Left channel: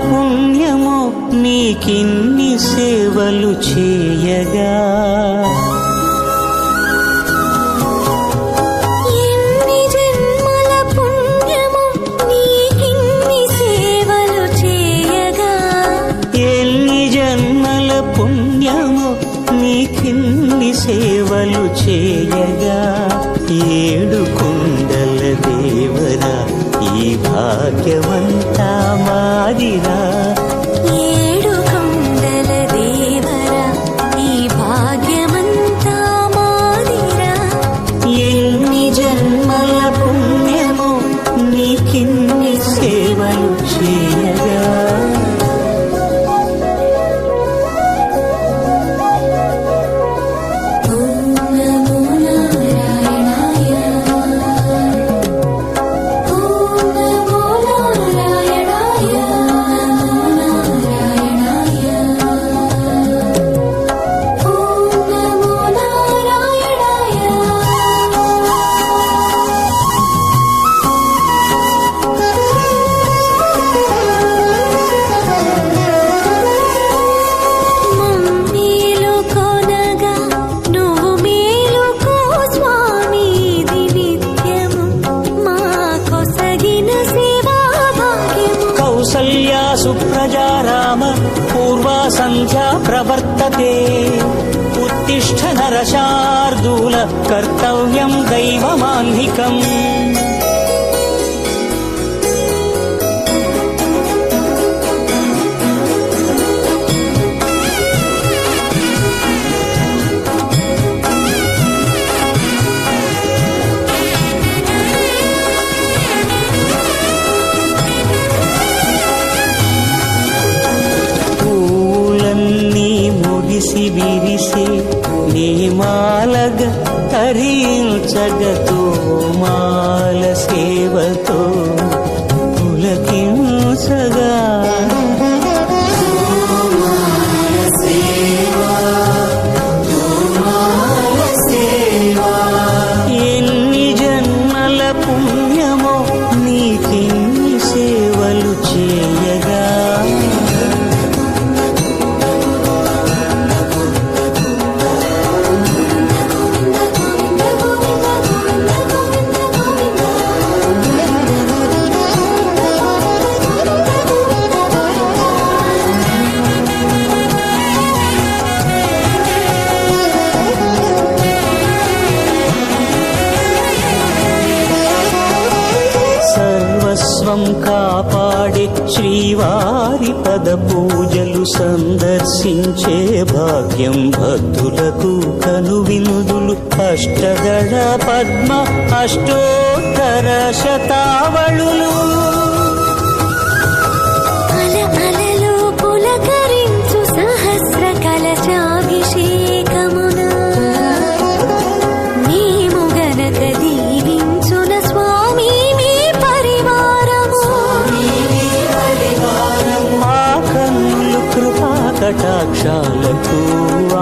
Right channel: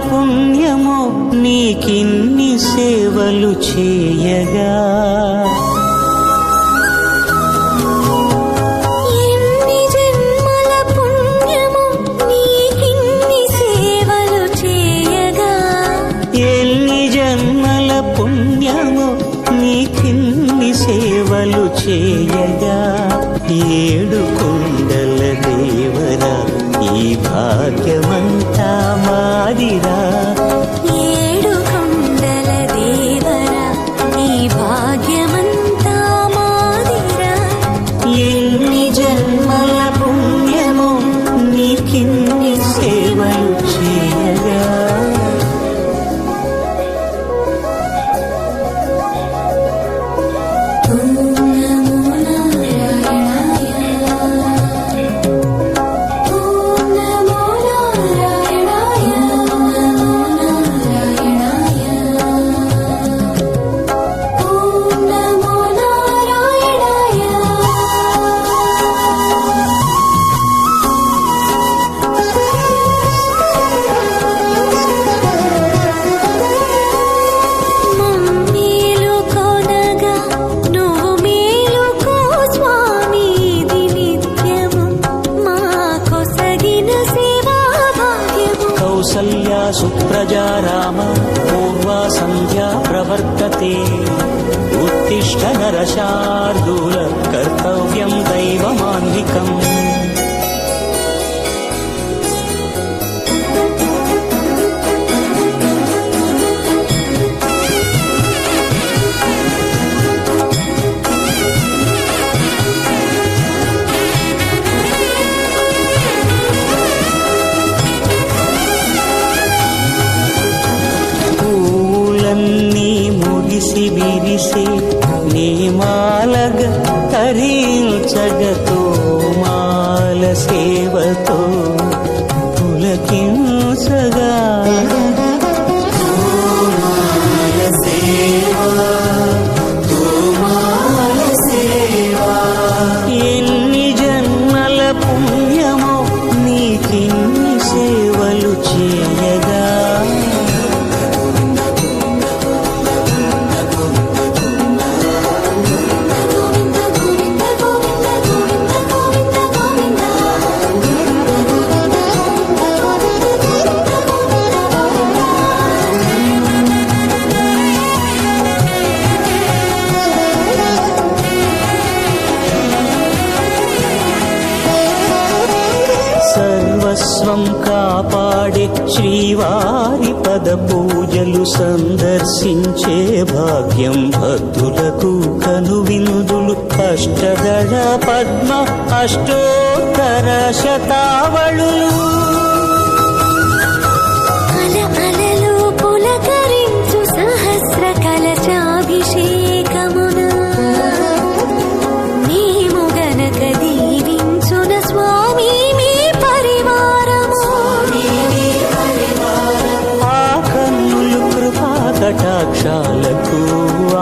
పుణ్యమో నీకిన్ని సేవలు చేయగా, ఎన్ని జన్మల పుణ్యమో నీకిన్ని సేవలు చేయగా, ఎన్ని జన్మల పుణ్యమో నీకిన్ని సేవలు చేయగా, ఏడు కొండల దేవరా ఈ భాగ్యమంతా మాదిరా, ఏడు కొండల దేవరా ఈ భాగ్యమంతా మాదిరా, ఎన్ని జన్మల పుణ్యమో నీకిన్ని సేవలు చేయగా. కౌసల్యా సుప్రజా రామ పూర్వా సంధ్యా ప్రవర్తతే, ఉత్తిష్ఠ నరశార్దూల కర్తవ్యం దైవమాన్నికం. పూలన్నీ మురిసి విరిసే నీమాలగ తరించగతో మాల సేవతో పులకించగా, ఎన్ని జన్మల పుణ్యమో నీకిన్ని సేవలు చేయగా, సర్వస్వం కాపాడే శ్రీవారి పద పూజలు సందర్శించే భాగ్యం భక్తులకు కనువినుదులు, అష్టదళ పద్మ అష్టోత్తర శతావళులు, అల అలలు పులకరించు సహస్ర కలశాభిషేకమున మేము గనక దీవించున స్వామి మీ పరివారము, ఆ కన్నులు కృపా కటాక్షాలకు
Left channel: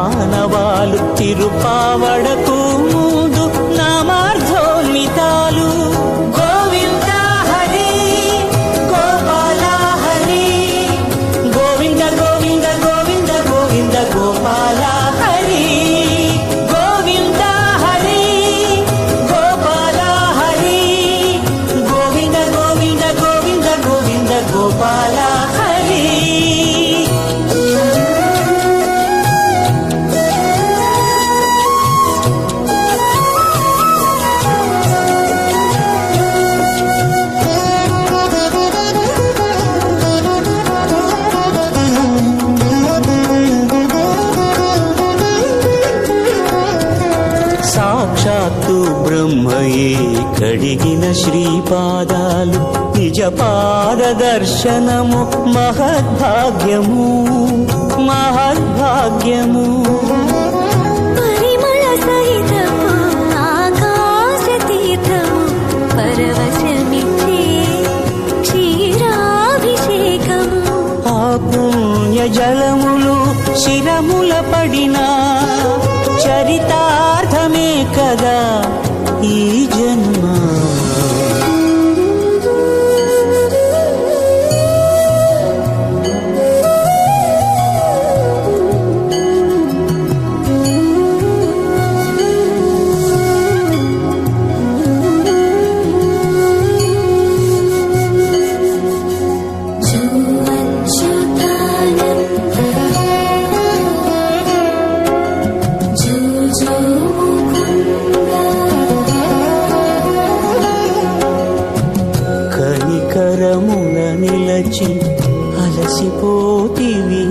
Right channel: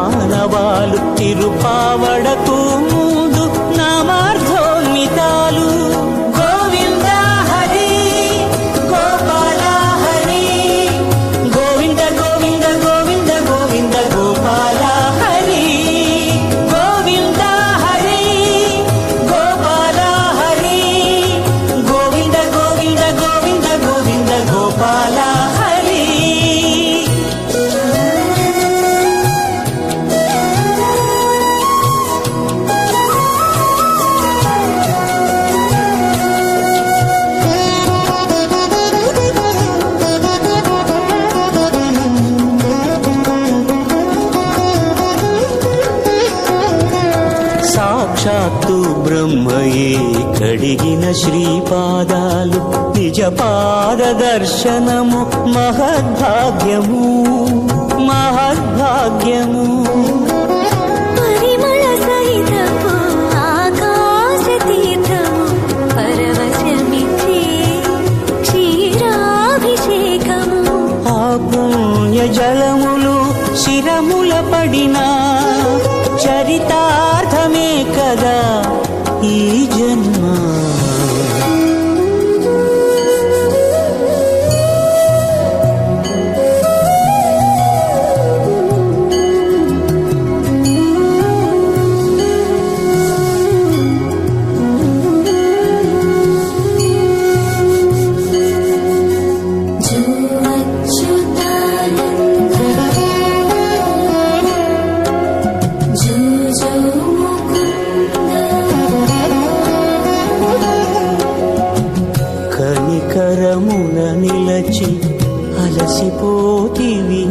ఆనవాలు, తిరుపావడకు ముందు నామార్థోన్మితాలు. గోవింద హరి గోపాల హరి, గోవింద గోవింద గోవింద గోవింద గోపాల హరి, గోవింద హరి గోపాల హరి, గోవింద గోవింద గోవింద గోవింద గోపాల హరి. సాక్షాత్తు బ్రహ్మయే కడిగిన శ్రీపాదాలు, నిజ పాద దర్శనము మహద్భాగ్యము మహద్భాగ్యము. పరిమళ సహితపు ఆకాశ తీర్థము పరవశమిచ్చే క్షీరాభిషేకము, ఆ పుణ్య జలములు శిరముల పడినా చరితార్థమే కదా ఈ జన్మ. అలసిపోతివి